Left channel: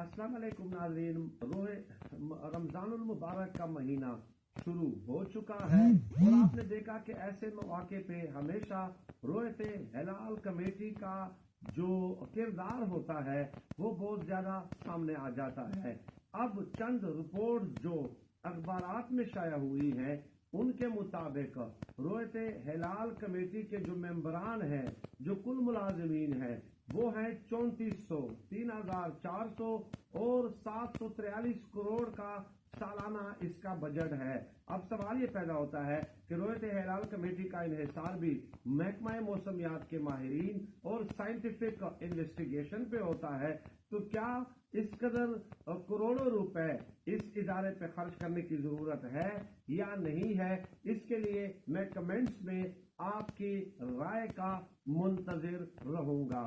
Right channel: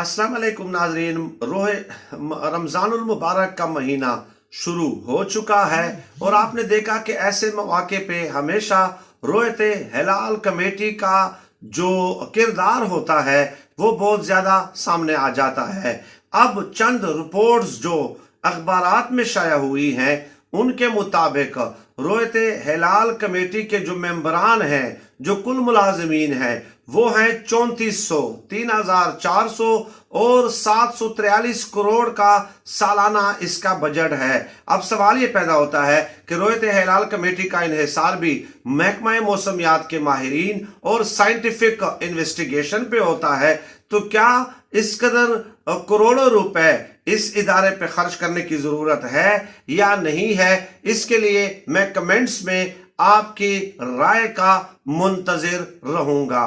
अस्सलाम वालेकुम नाजरीन। रोहे रमज़ानुल मुबारक का महीना शुरू हो चुका है और आपने देखा कि ऐसे मौके पे हमेशा रोयते हिलाल कमेटी का जो किरदार होता है वो बहुत ज़्यादा सामने आ जाता है। अब चंद रिपोर्ट्स जो अखबारात में शाया हुई हैं उनके मुताबिक रोयते हिलाल कमेटी के जो मेंबरान हैं, जो कुल मुलाजमीन हैं, वो हैं 3400, 3400 और 743 करोड़ का सालाना इसका बजट है। अब सवाल ये पैदा होता है कि रोयते हिलाल कमेटी का इन्हिसार भी महकमा मौसमियात के माहिरीन और साइंटिफिक इन्वेस्टिगेशन पे होता है, तो क्या इस कदर करोड़ों रुपए इस इदारे पे खर्च करने की जरूरत है या नहीं है? इसके लिए मैं कमेंट्स में आपकी राय का मुंतजिर रहूंगा।